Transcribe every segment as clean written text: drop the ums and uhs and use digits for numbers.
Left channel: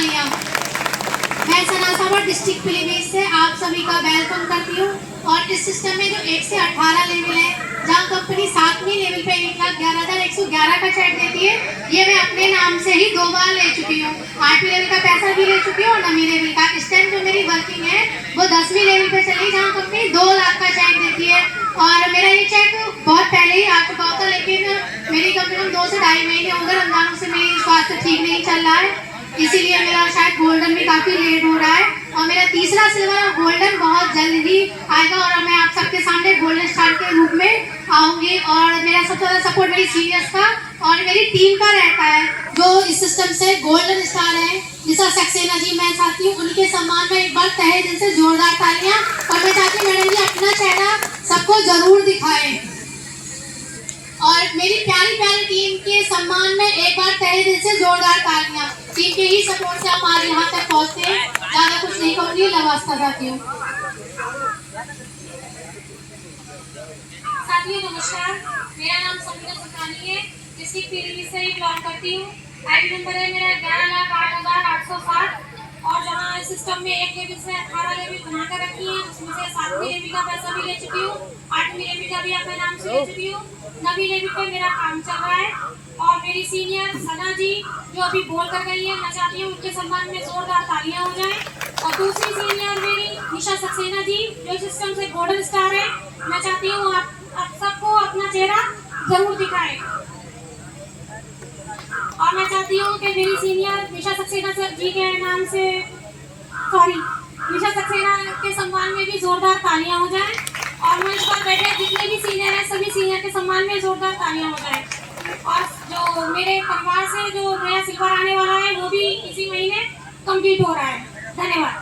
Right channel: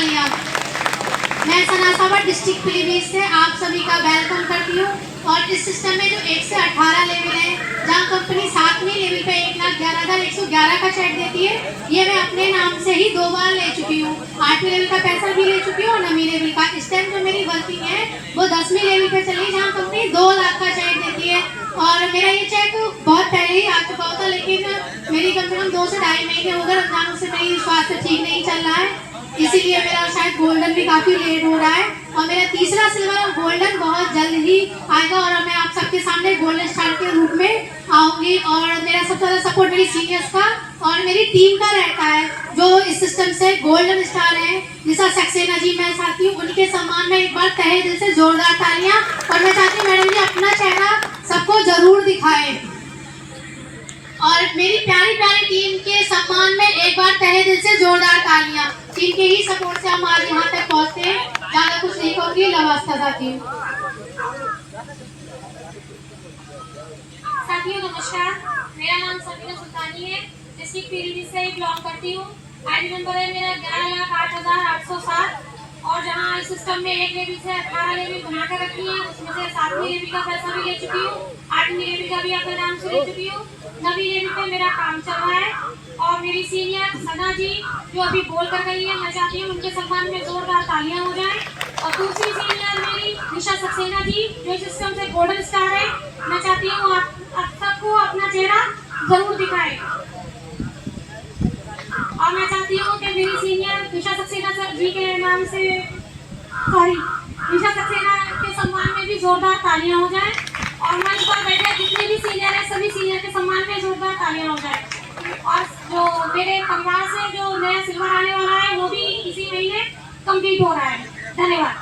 तालियां। मैं सना सावर डिस्ट्रिक्ट पीलीभीत से आप सभी का वेलकम करती हूँ। और इस सिस्टम में जो 1 से 18 लेवल है, जहाँ कंपनी 7वीं लेवल पे 1,11,111 का चेक देती है, ये मैं अपने नाम से ही 2 बार ले चुकी हूँ। 8वीं लेवल का पैसा भी ले चुकी हूँ और 9वीं लेवल का। इस टाइम जो मेरी वर्किंग है वो 10वीं लेवल पे चली, जहाँ कंपनी 2 लाख का चेक देती है। और मेरा ये चेक बहुत पहले ही आ चुका होता, लेकिन मेरी कम से कम 2 से ढाई महीने हो गए रमजानों से मेरी स्वास्थ्य ठीक नहीं चल रहा है, इसीलिए मेरा शायद गोल्डन भी काफ़ी लेट हो रहा है। और मेरा तीसरा सिल्वर और गोल्डन बहुत जल्द ही आएगा और मैं आप सबके सामने गोल्डन स्टार के रूप में आऊँगी। और मेरा सबसे ज़्यादा सपोर्ट मेरी सीनियर्स का और मेरी टीम का रहता है, जो इस सिस्टम से गोल्डन स्टार है। निशा सक्सेना जी मैं चाहती हूँ उनके सम्मान में एक बार तहे दिल से जोरदार तालियाँ। और मैं चाहती हूँ मैडम जी अपना चेहरा सबको जरूर दिखाएं। और मेरी प्यारी प्यारी टीम के सम्मान में एक बार तहे दिल से जोरदार तालियां। टीम के ही सपोर्ट से हम आज यहाँ तक पहुँचते हैं। ज़्यादा कुछ नहीं कहूँगी, नमस्कार चाहती हूँ। साथियों नमस्कार, मेरा नाम समीना सुल्तानी है, डिस्ट्रिक्ट पीलीभीत से बिलोंग करती हूँ। आईडी नंबर है मेरा 11,08,807। और जहाँ इस सिस्टम में 1 लेवल से 18 लेवल बनाकर रखी है, उसमें से 7वीं लेवल का पैसा भी ले चुकी हूँ, 8वीं लेवल का भी अपने नाम से ले चुकी हूँ, 9वीं लेवल पे मेरा काम चल रहा है। और मेरी सीनियर सना जी जो अभी बोल कर गई है, मैं चाहती हूँ उनके सम्मान में जोरदार तालियां हो जाएं। और दूसरी सीनियर मेरी निशा सक्सेना जी जो इस सिस्टम से गोल्डन स्टार है, मैं चाहती हूँ आप सबको अपना चेहरा जरूर दिखाएं। और मैं चाहती हूँ कि मेरी सीनियर निशा सक्सेना जी के नाम से निशा सक्सेना के सम्मान में भी जोरदार तालियां हो जाएं। और मंच पर बैठे जितने भी सीनियर हैं सभी सीनियर के सम्मान में जोरदार तालियां हो जाएं। और जो मेरे परिवार से जो नया सिल्वर आने वाला है वो भी इसी महीने कंप्लीट हो रहा है। धन्यवाद।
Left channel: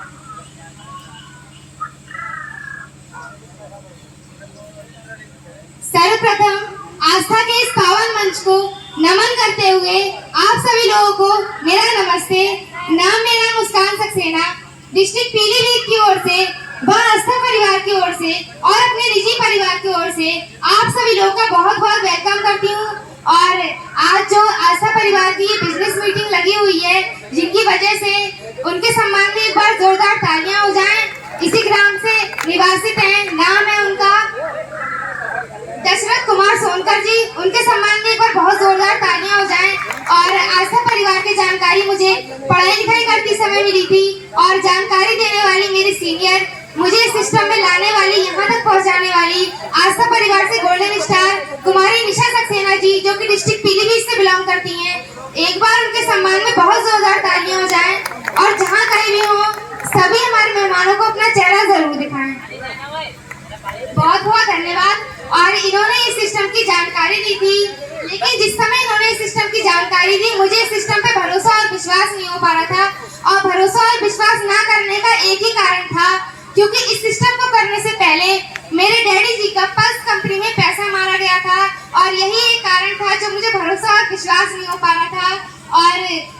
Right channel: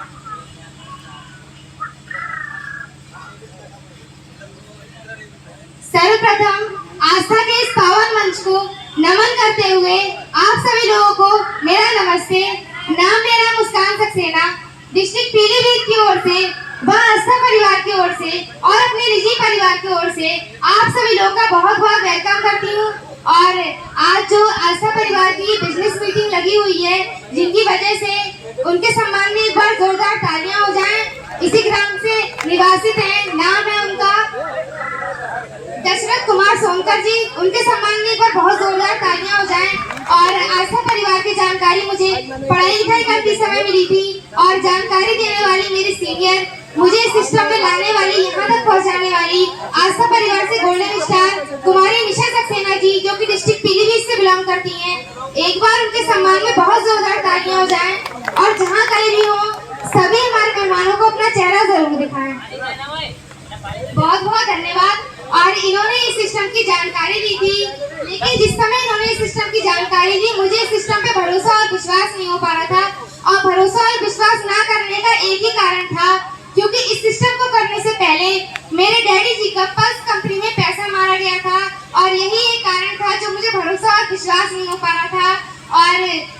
सर्वप्रथम आस्था के इस पावन मंच को नमन करते हुए आप सभी लोगों को मेरा नमस्ते। नाम मेरा मुस्कान सक्सेना, डिस्ट्रिक्ट पीलीभीत की ओर से व आस्था परिवार की ओर से और अपने निजी परिवार की ओर से आप सभी लोगों का बहुत बहुत वेलकम करती हूँ। और आज जो आस्था परिवार की बिजनेस मीटिंग लगी हुई है, जिनकी वजह से उनके सम्मान में एक बार जोरदार तालियां हो जाएं। इसी ग्राम से निवासित हैं, नाम है उनका दशरथ कुमार सोनकर जी, उनके सम्मान में एक बार बहुत जोरदार तालियां हो जाएं। और आस्था परिवार की जानकारी मुझे पढ़ाई लिखाई करते समय मिली थी और जानकारी देने वाली मेरी सीनियर, मुझे इस सिस्टम में लाने वाली, यहाँ तक पहुँचाने वाली आस्था परिवार से गोल्डन स्टार कुमारी निशा सक्सेना जी जो कि डिस्ट्रिक्ट पीलीभीत से बिलोंग करती हैं, एक बार उनके सम्मान में बहुत जोरदार तालियां हो जाएं। और जहाँ कहीं भी हो सभी हमारे मेहमानों को अपना चेहरा जरूर दिखाएं। बहुत बहुत धन्यवाद। और इन्होंने इस सिस्टम की जानकारी दी थी, लेकिन जिस समय इन्होंने इस सिस्टम की जानकारी दी मुझे इस सिस्टम पे भरोसा और विश्वास नहीं हो पा रहा था। और भरोसा और विश्वास ना करने का एक ही कारण था, क्योंकि इस सिस्टम को करने से पहले मेरे डैडी जी का पल्स कंपनी में पैसा मारा गया था और यही एक कारण था जो मुझे भरोसा और विश्वास नहीं हो पा रहा था। और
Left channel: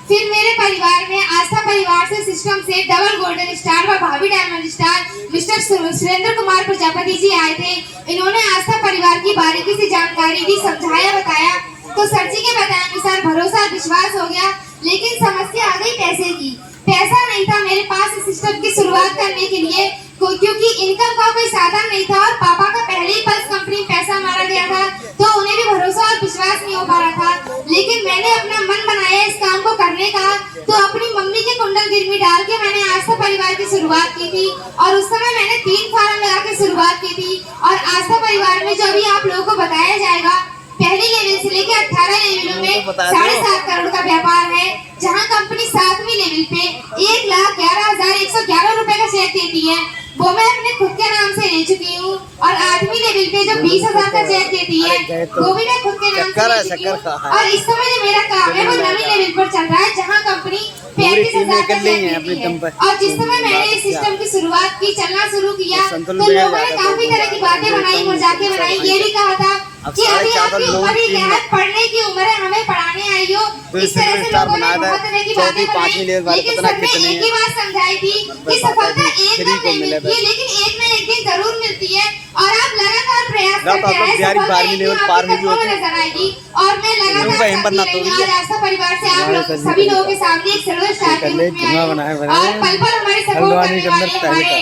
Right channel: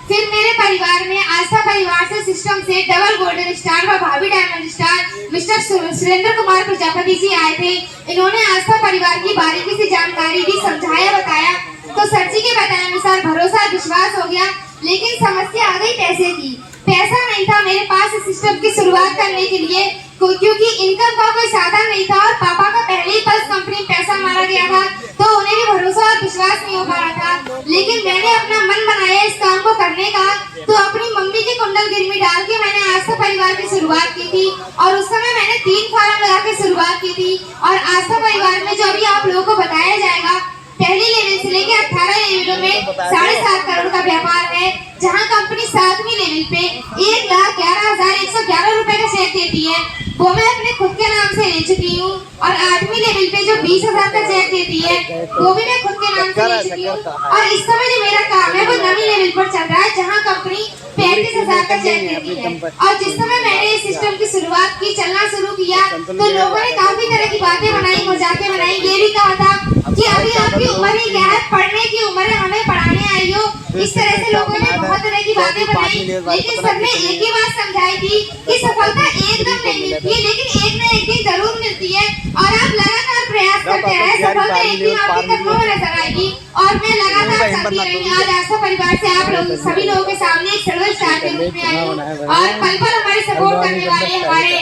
फिर मेरे परिवार में आस्था परिवार से सिस्टम से डबल गोल्डन स्टार व भाभी diamond star mister Surendra Kumar Prajapati ji आए थे। इन्होंने आस्था परिवार की बारीकी से जानकारी दी, समझाया, बताया। तो सर जी के बताए अनुसार भरोसा और विश्वास हो गया, लेकिन समस्या आ गई पैसे की। पैसा नहीं था मेरे पास इस सिस्टम की शुरुआत करने के लिए, क्योंकि इनकम का कोई साधन नहीं था और पापा का पहले ही पल्स कंपनी में पैसा मारा गया था, तो उन्हें भी भरोसा और विश्वास नहीं हो पा रहा था। लेकिन मैंने अपना मन बनाया इस काम को करने का, तो अपनी मम्मी के कुंडल गिरवी डाल के मैंने आस्था परिवार की शुरुआत की थी। और उस समय मैंने 3 फार्म लगा के शुरुआत की थी। और आस्था परिवार में जो अभी आप लोगों को बताया जाएगा, पहले लेवल से लेकर 18 लेवलों में 7.5 करोड़ का व्यापार है, जहां कंपनी 7वीं लेवल पे 1,11,111 रुपए का चेक देती है, वो मैं अपने खुद के नाम से ले चुकी हूँ। और 8वीं लेवल पे जो 20,000 का चेक देती है, वो भी मैं खुद के नाम से ले चुकी हूँ। और इस समय जो मेरा काम है वो 9वीं लेवल पर चल रहा है, जहाँ कंपनी 35,000 का चेक देती है। और जिस समय मैंने इस सिस्टम की शुरुआत की, चलना शुरू किया, तो लोगों ने काफी तरह की बातें बनाई, मजाकें बनाई, ये भी कहा था कि अभी आपकी उम्र ही क्या है, पढ़ने की उम्र है, हमें पढ़ाने आई हो। इस तरह से लोगों ने बहुत तरह की बातें बनाई, लेकिन सर ने एक ही बात समझाई थी कि सफलता एकदम नहीं मिलती है, लेकिन एक न एक दिन जरूर मिलती है। और आप लगातार प्रयास करते हैं सफलता एक दिन आपके कदमों में नजर आएगी और मैं लगातार करती रही। आज आस्था परिवार से आप लोग सभी लोगों के सामने एक सर्वर स्टार के रूप में आई हूं और पल पल हमारे सपोर्ट करने वाले हमारे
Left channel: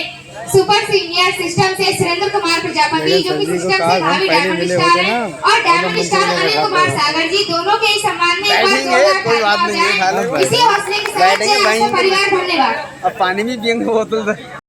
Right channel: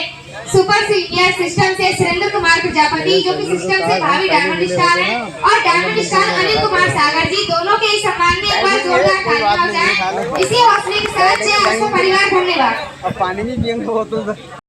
सुपर सीनियर सिस्टम से सुरेंद्र कुमार प्रजापति जो कि सिस्टम से भावी डायमंड स्टार है और डायमंड स्टार अनिल कुमार सागर जी दोनों के सम्मान में एक बार जोरदार तालियां हो जाए। इसी हौसले के साथ आस्था परिवार धन्यवाद। अब पानी भी पियेंगे बोतल से।